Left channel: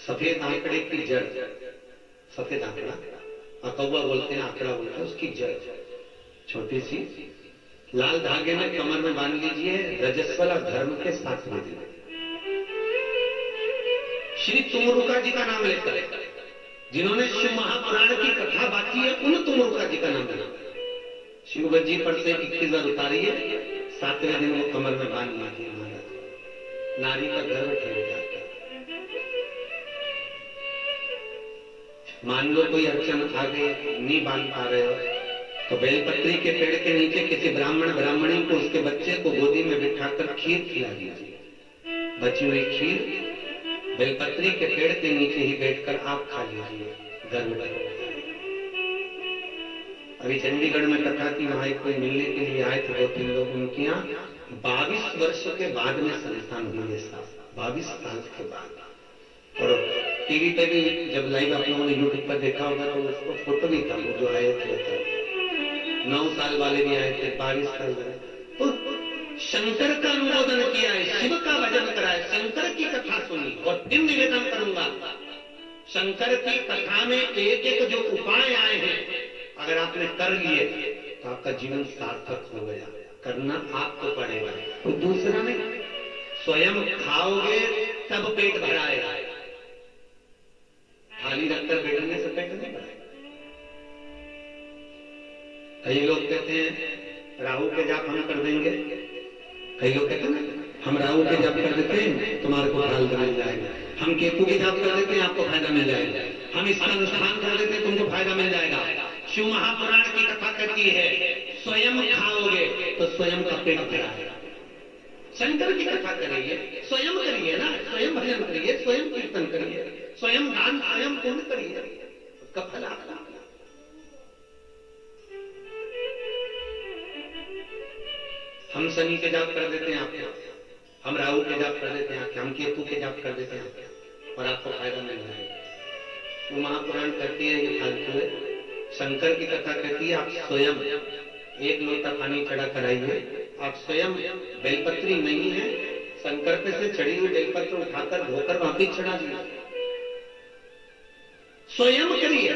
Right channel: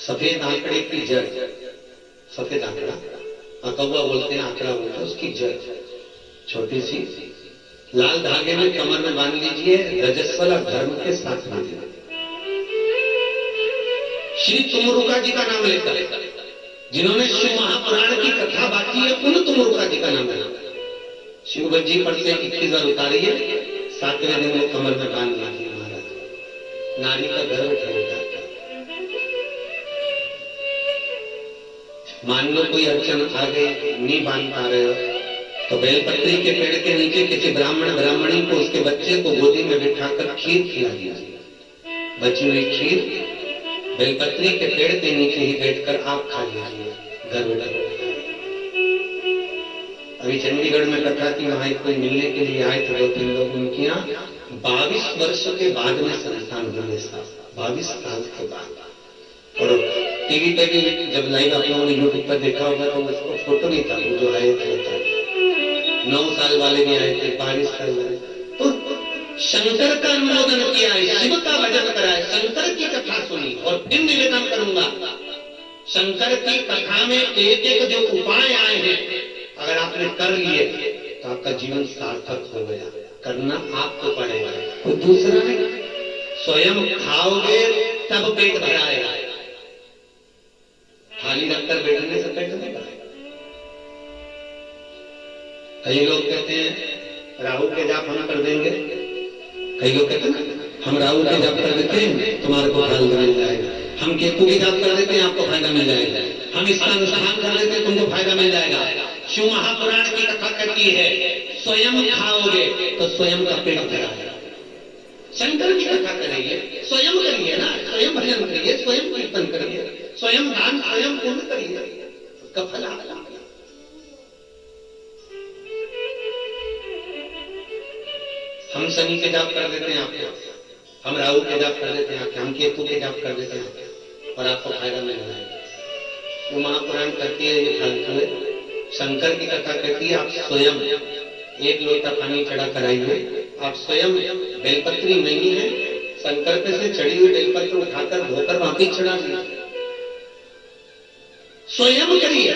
सफेद आंकड़े की जड़, सफेद आंकड़ा, कौवा बोलते हैं, आंकड़ा बोलते हैं, उसकी जड़ छोटी सी लाल धागे में कमर में बांध लीजिए, रजस्वला धर्म के साथ में दीजिए। श्री तुमरुका जी का नाम लेकर, जिन्होंने शिव महापुराण की कथा बाकी है, उन तुमरुका जी का नाम लेना। शिवगत जी पर से 21 बार उतारिए, 7वें दिन वो कमर में बांध लीजिए। महाराज नारी का गर्व ठहर जाता है। मान लो कोई अड़चन आ गई, नहीं बांध पा रहे हो, तो बेलपत्री के पेड़ के नीचे किसी ब्राह्मणी को उसके बच्चे को गोदी में बिठाकर खीर खिला दीजिए। बची हुई खीर बेलपत्री के पेड़ के नीचे ही बैठकर आप खा लीजिए। गर्भ अभी चंडीगढ़ में कथा की, वहां कोई मिलने के लिए आए थे 2-3 लोग, उनके यहाँ 22 वर्ष के बाद में संतान हुए, 22 साल के बाद। और टीवी पे भी जब लाइव आप लोगों ने यूट्यूब पर देखा होगा तो उसको फोटो नहीं था, वो जो आए थे 9 साल वाले भी आए थे, 22 साल वाले। तो शंकर का अनुमोदन किया है, शिव का भजन करा है, शंकर की कथा सुनी। और फिर निवेदन करूंगा, शंकर की कथा में एक एक जो उपाय आए हैं, अगर आपने कर लिए तो आपका जीवन सार्थक हो गया। करना आपको पड़ेगा, तो दूसरा नहीं। स्वयं खाओगे तब पेट भराएगा, थाली रखकर बैठने से पेट नहीं भरेगा। कई लोग कहते हैं राहु के जाप हम कर देंगे, कई लोग कहते हैं हम राहु के जाप कर देते हैं तुम्हारे को फायदा मिल जाएगा, हम केतु के जाप कर देते हैं आपको फायदा मिल जाएगा, हम इसका अनुष्ठान कर देते हैं तुमको फायदा मिल जाएगा। शिव महापुराण की कथा कहती है स्वयं खाओगे तो स्वयं का पेट भराएगा। शंकर की कथा करिए, स्वयं करिए ना, स्वयं भजन करिए, स्वयं कीर्तन करिए, स्वयं दान, स्वयं पुण्य करिए, उसका फल आएगा। हम शनि के जाप कर देते हैं आपके, हम राहु के जाप कर देते हैं, हम केतु के जाप कर देते हैं और आपको फायदा मिल जाएगा। वो महापुराण कहती है ये फालतू है। शंकर की कथा कहती है आप स्वयं 1 लोटा पानी चढ़ा कराइए, आप स्वयं बेलपत्री नहीं है, शंकर पे से चढ़ी हुई बेलपत्र उठाकर धोकर वापिस चढ़ा दीजिए, स्वयं करिए।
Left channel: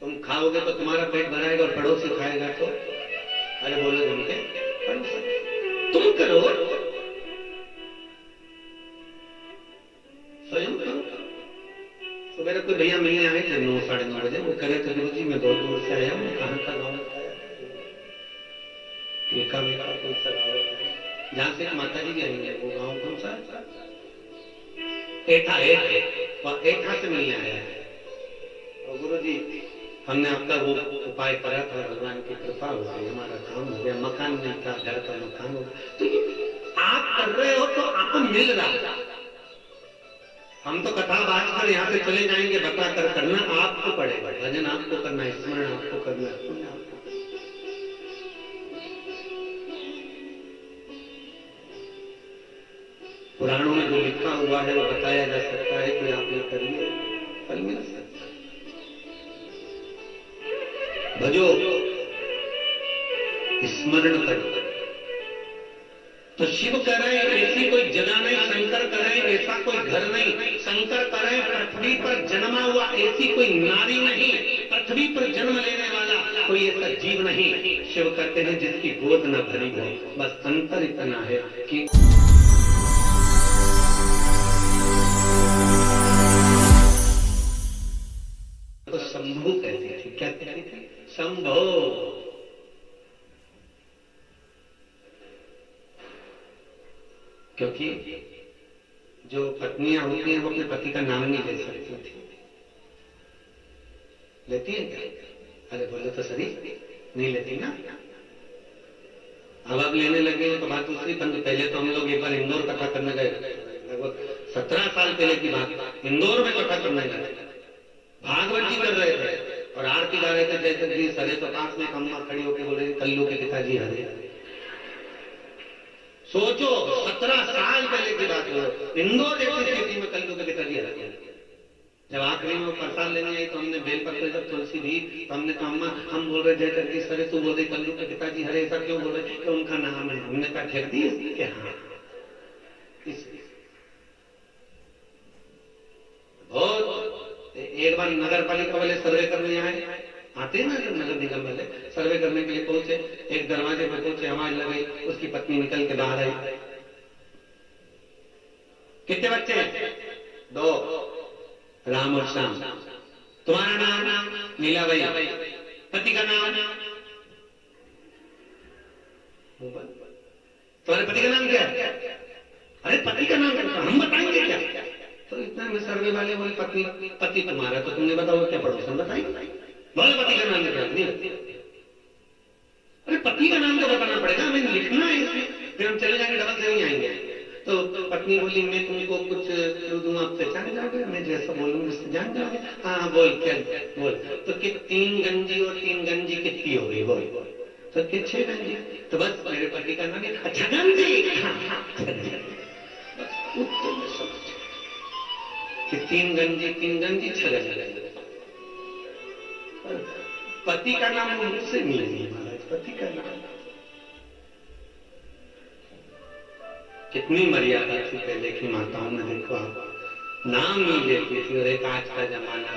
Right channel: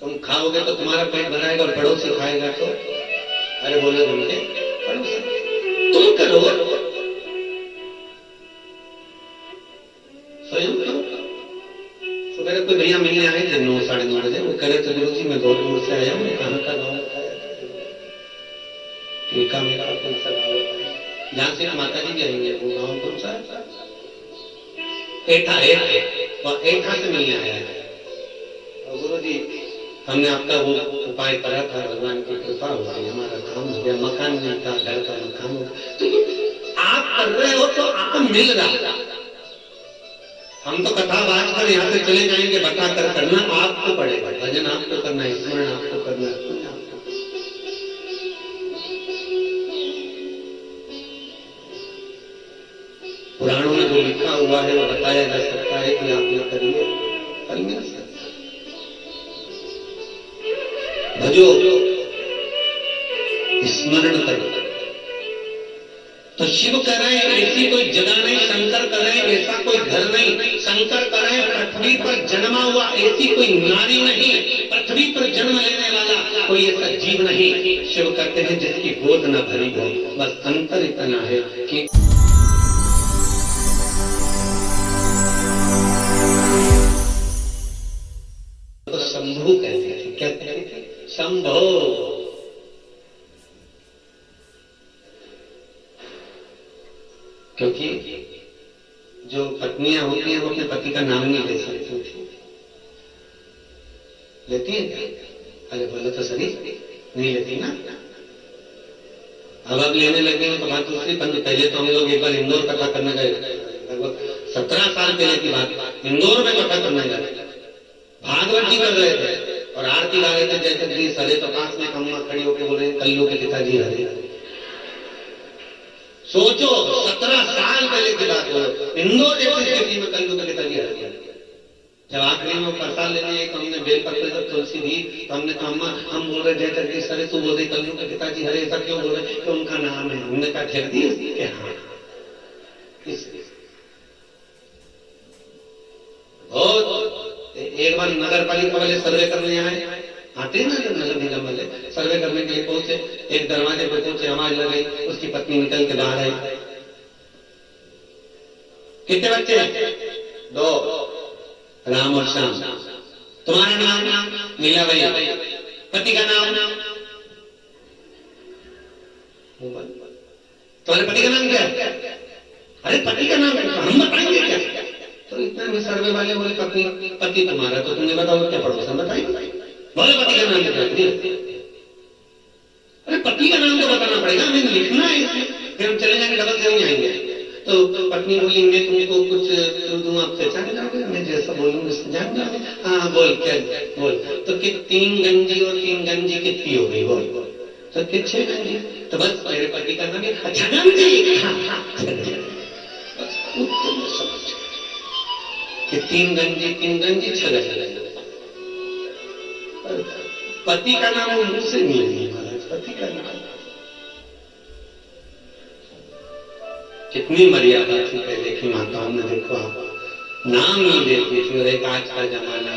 तुम खाओगे तो तुम्हारा पेट भराएगा और पड़ोसी खाएगा तो अरे बोले उनके पड़ोसी। तुम करो, स्वयं करो। सुबह कोई भैया मिलने आए थे 9-9:30 बजे, वो कह रहे थे गुरु जी मैं बहुत दूर से आया, मैं कहाँ का गाँव बताया, मेरा कौन सा गाँव बताया, जहाँ से माता जी भी आएंगे वो गाँव कौन सा, एठा से मिलने आया है। गुरु जी हमने आपका वो उपाय करा था, भगवान की कृपा हो गई, हमारा काम हो गया, मकान नहीं था, घर का मकान हो गया। तो आप कर रहे हो तो आपको मिल रहा। हम तो कथा बात कर यहाँ से चले जाएंगे, बता कर करना आपको पड़ेगा, भजन आपको करना है, स्मरण आपको करना है, पुण्य आपको। पुराणों में जो लिखा हुआ है वो बताया जा सकता है कि आप ये करिए, फल मिल सकता है। भजो, स्मरण करो। तो शिव करे ऐसी कोई जगह नहीं, शंकर करे ऐसा कोई घर नहीं, शंकर करे पृथ्वी पर जन्मा हुआ ऐसी कोई नारी नहीं, पृथ्वी पर जन्म लेने वाला कोई ऐसा जीव नहीं। शिव कहते हैं जिसकी गोद न भरी हो, बस अंतर इतना है कि तो शंभु कहते हैं, क्या कहते हैं, शंभो। क्योंकि जो पत्नियां होती हैं वो अपने पति का नाम नहीं ले सकती थी, लेती है क्या? अरे बोलो तो सही, नहीं लेती ना। अब लेने लगे तो बात दूसरी। पहले तो हम लोग एक बार इंदौर कथा करने गए, लगभग 17 साल पहले की बात, इंदौर में कथा करने गए, भागवत जी कर रहे थे और आरती गा रहे थे, जैसे जी सरे तो पास में अम्मा खड़ी होकर बोले कल्लू के पिताजी हरे। सोचो 17 साल पहले की बात हो, इंदौर जैसी स्थिति में कल्लू के पिताजी हरे। जब आखिरी में प्रसाद लेने आए तो हमने बेलपत्र जब तुलसी दी तो हमने कहा अम्मा हम बोल रहे जय जगदीश हरे, तू बोल रही कल्लू के पिताजी हरे, ऐसा क्यों बोल रहे कि उनका नाम है। हमने कहा जगदीश के हाँ इसलिए। बहुत एक बार नगर पालिका वाले सर्वे करने आए, आते हैं ना नगर निगम वाले सर्वे करने के लिए पहुंचे, एक दरवाजे पर पहुंचे, आवाज लग गई, उसकी पत्नी निकल के बाहर आई। कितने बच्चे? 2, राम और श्याम। तुम्हारा नाम? नीलाबाई। पति का नाम? तुम्हारे पति का नाम क्या? अरे पति का नाम हम बताएंगे क्या? तो इतना में सर्वे वाले बोले पति तुम्हारा, तो तुमने बताओ क्या पड़ोसन बताएंगे? बोले पति का नाम क्या? अरे पति का नाम तो बताना पड़ेगा, हमें लिखना है इसे, फिर हम चले जाएंगे, डबल से नहीं आएंगे। तो पत्नी बोली मैं तुमको कुछ दूंगा, आप पहचान जाओगे, मैं जैसा बोलूंगा जान जाओगे। हाँ बोल क्या बोल। तो कि 3 गंजी और 3 गंजी कितनी हो गई बोल। तो कि 6 गंजी। तो बस मेरे पति का नाम है अच्छा गंजी। कि 3 गंजी 6 गंजी। पति का नाम वो मुंह से नहीं, पति का नाम कितनी मर्यादा थी पहले की माताओं ने, देखो आप नाम नहीं देती थी। और एक आज का जमाना